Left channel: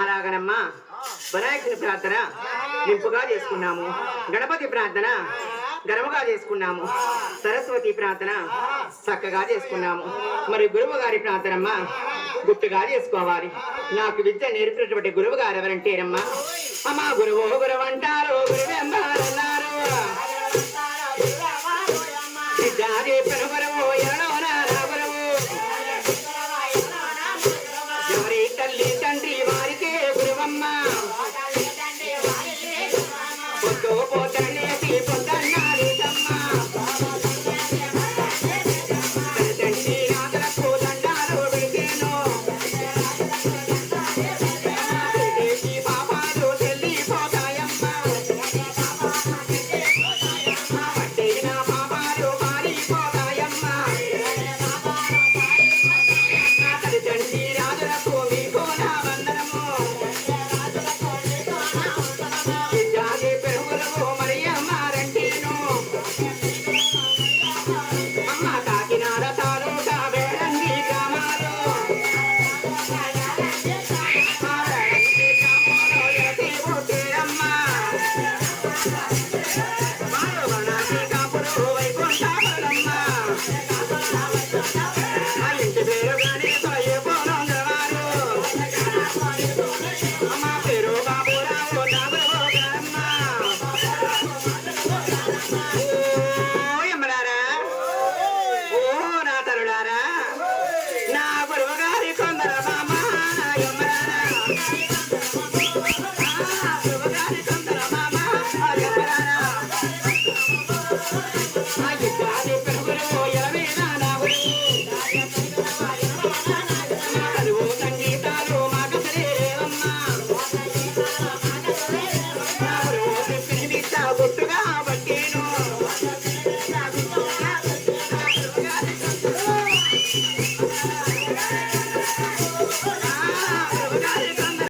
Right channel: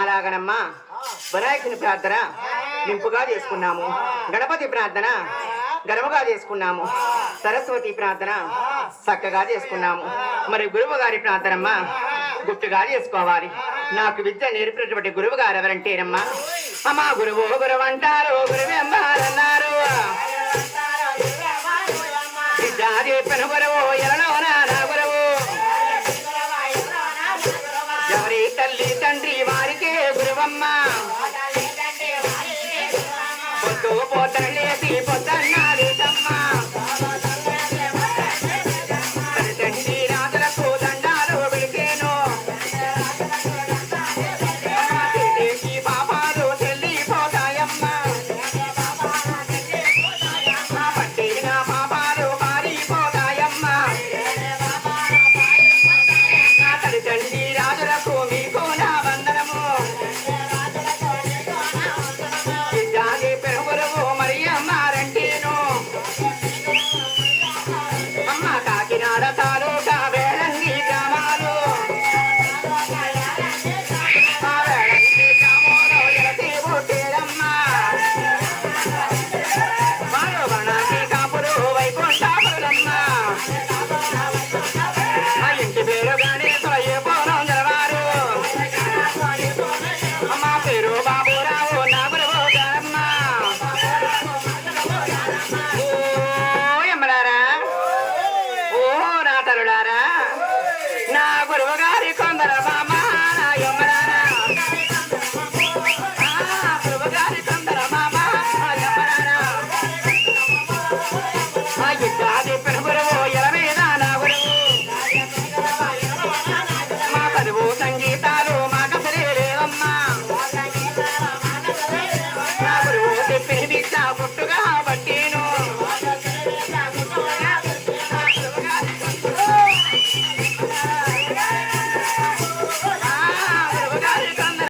అలాగనమ్మా వినాయకుని ప్రార్థన ఇంపుగా చేసుకున్నాము. గణపతి ప్రార్థన ఘనముగా చేసుకున్నాము. సరస్వతి ప్రార్థన చక్కగా చేసుకున్నాము. మరి గురువు గారి ప్రార్థనమ్మా గుర్తుగా చేసుకోవాలి. నాకు విద్య నేర్పినటువంటి గురువు గారు ఎవరంటేనమ్మా, అమ్మా గురువు గురువు అంటారు, గురువు అమ్మారన్నారు. విద్యా చెప్పిన గురువు ఎరలోన నా గురువు, ఎవరి తల్లి తండ్రి వారికే గురువమ్మ. పొద్దు పోతలేసి పొద్దన్నాడు తమ్మ, తండ్రి రాజులకు దండాలు విడిచేను. పాపాలు చెల్లిపోతాయమ్మ, పట్టిన పాపాలు పారిపోతాయమ్మ. తండ్రి రాజులకు మీకు నా వందనము. విద్యాది పెరుగురువు మరి అమ్మారంటేను. అమ్మ కాకినాడ తాలూకా వేలంగి గ్రామాలు, ఆ వేలంగి గ్రామంలో ఎలసి పుట్టేరమ్మ. వారు వనాకి కాపురు వైకుంఠాపురమ్మ. మా ఇంటి పేరుగానే తొయ్యపోనం గలవారు. అమ్మ పేరు బాబురావు నా గురువు గారమ్మ. ఓ యమ్మలారా, ఓ నా తల్లులారా, నా గురువు గారి కొందర మామ నా యమ్మలారా. గురువు గారి కొందర మామ నా యమ్మలారా. మా యుద్ధాన్ని పెరుగురువు ఎలమీద నా గురువు. మా చదువు సంగీతాలు మాట లేదమ్మా. నా గురువు చెప్పిన దీక్ష గుట్టుగా పట్టేను.